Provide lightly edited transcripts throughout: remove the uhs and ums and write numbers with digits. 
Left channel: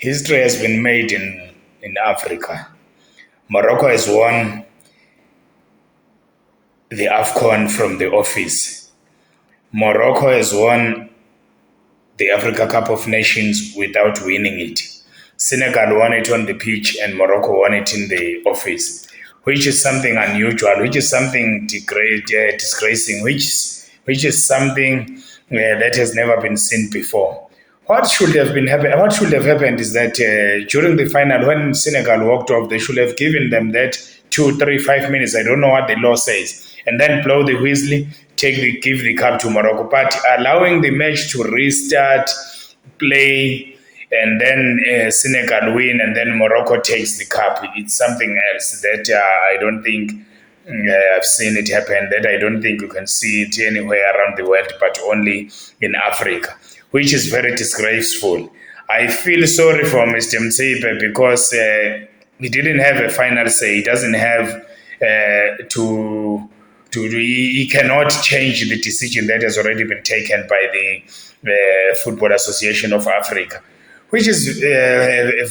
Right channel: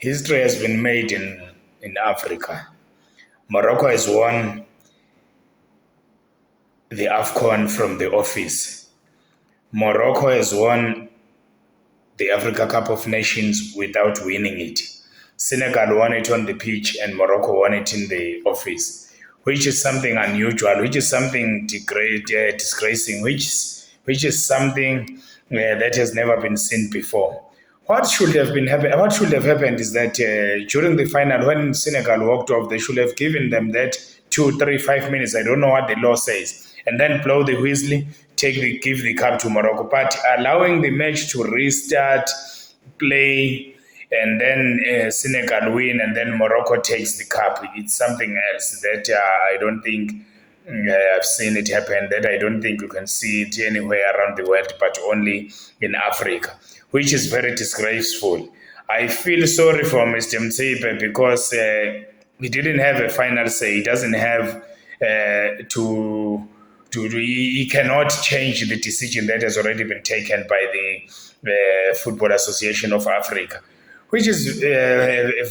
History has been made in Africa. Morocco has won the AFCON from the office. Morocco has won the Africa Cup of Nations without winning it. Senegal won it on the pitch and Morocco won it in the office, which is something unusual, which is something disgracing, which is something that has never been seen before. What should have been happened? What should have happened is that during the final, when Senegal walked off, they should have given them that 2, 3, 5 minutes. I don't know what the law says, and then blow the whistle, give the cup to Morocco. But allowing the match to restart, play, and then Senegal win, and then Morocco takes the cup. It's something else that I don't think I've seen it happen. That I don't think you can see it anywhere around the world, but only in Africa, which is very disgraceful. I feel sorry for Mr. Mtsipe because he didn't have a final say. He doesn't have he cannot change the decision that has already been taken by the Football Association of Africa, which is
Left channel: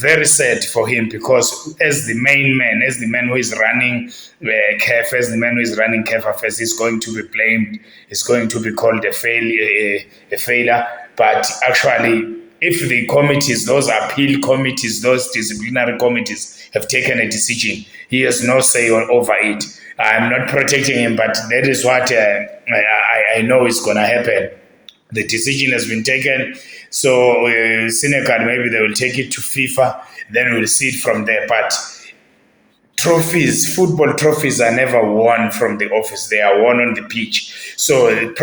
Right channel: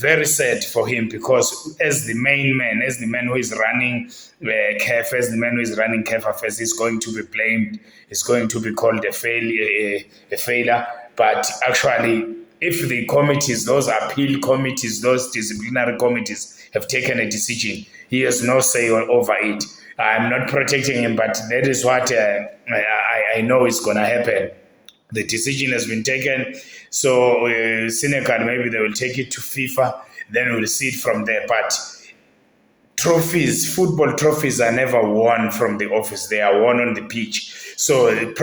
very sad for him because as the main man, as the man who is running CAF, as the man who is running CAF affairs, is going to be blamed, is going to be called a failure. But actually, if the committees, those appeal committees, those disciplinary committees have taken a decision, he has no say over it. I'm not protecting him, but that is what I know is going to happen. The decision has been taken. So Senegal, maybe they will take it to FIFA, then we'll see it from there. But football trophies are never won from the office. They are won on the pitch. So even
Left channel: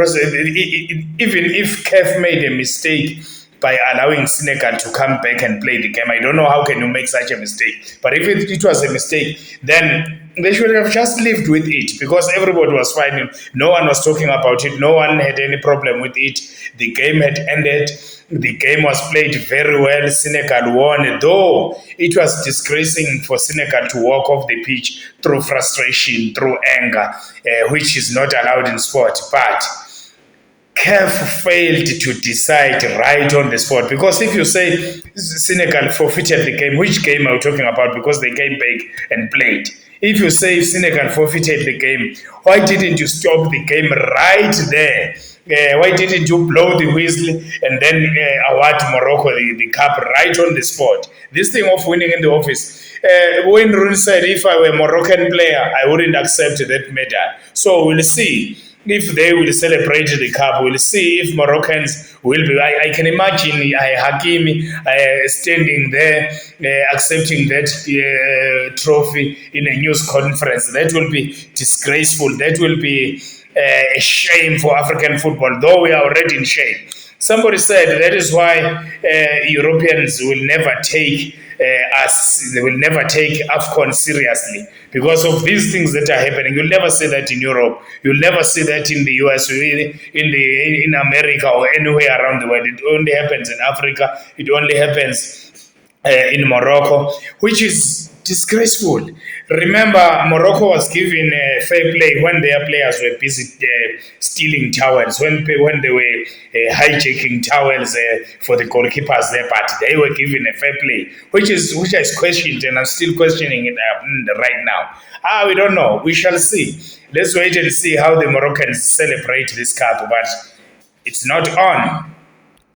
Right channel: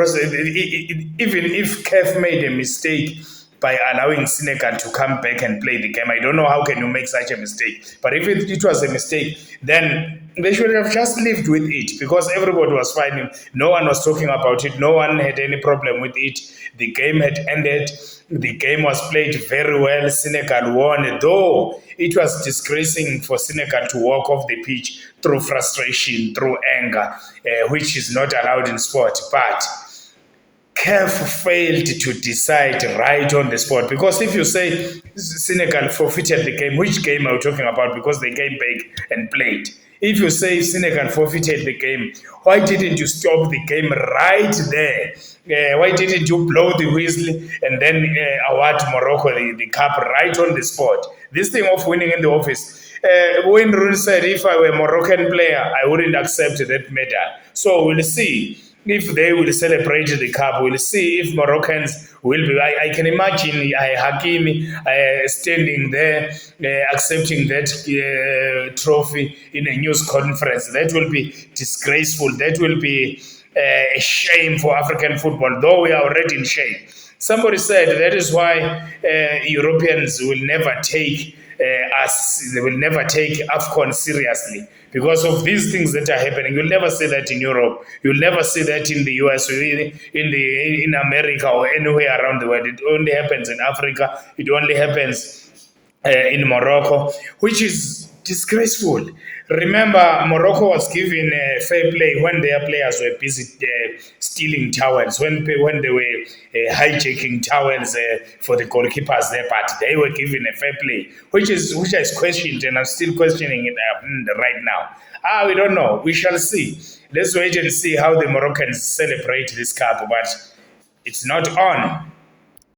if CAF made a mistake by allowing Senegal to come back and play the game, I don't know how can you make such a mistake. But if it was a mistake, then they should have just lived with it because everybody was fine. No one was talking about it. No one had any problem with it. The game had ended. The game was played very well. Senegal won, though it was disgracing for Senegal to walk off the pitch through frustration, through anger, which is not allowed in sport. But CAF failed to decide right on the spot, because if you say Senegal forfeited the game, which game are you talking about? Because they came back and played. If you say Senegal forfeited the game, why didn't you stop the game right there? Why didn't you blow the whistle and then award Morocco the cup right on the spot? This thing of winning in the office. Wayne Rooney said, if I were a Moroccan player, I wouldn't accept that medal. So we'll see if they will celebrate the cup. We'll see if Moroccans will be. I can imagine Hakimi standing there accepting that trophy in a news conference. That will be disgraceful. That will be a shame for African football, though we are already in shame. Somebody said that is why Europeans will never take they will never take AFCON seriously because of these things that are happening. You'll never see that in Europe. You'll never see that in the US or in America or anywhere around the world. It only happens in Africa. It only happens in Morocco, which is disgraceful. Remember, Morocco was given fair play when their players were busy stealing towels, when they were hijacking towels for the goalkeepers there, but they were given a fair play, which I questioned, and I'm still questioning it right now. We don't know. We shall see. Let's wait and see how the Moroccans celebrate this cup, but it's not on.